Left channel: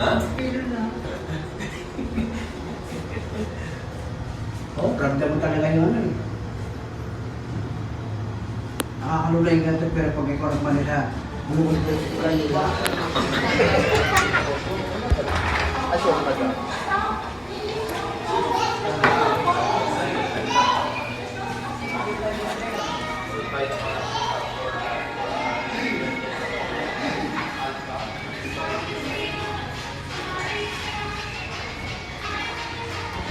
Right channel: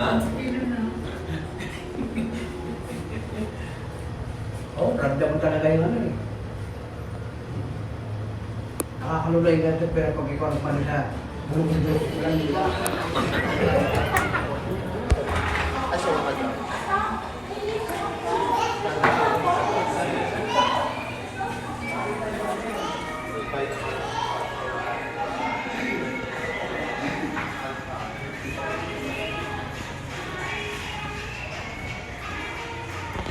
Ha? Kilo na. Oo, karga mo talaga yung ano eh. Nakakalulay ka ito, pero pag ikaw ang panila, ano hindi, wala yung iba. Asyo ka dyan.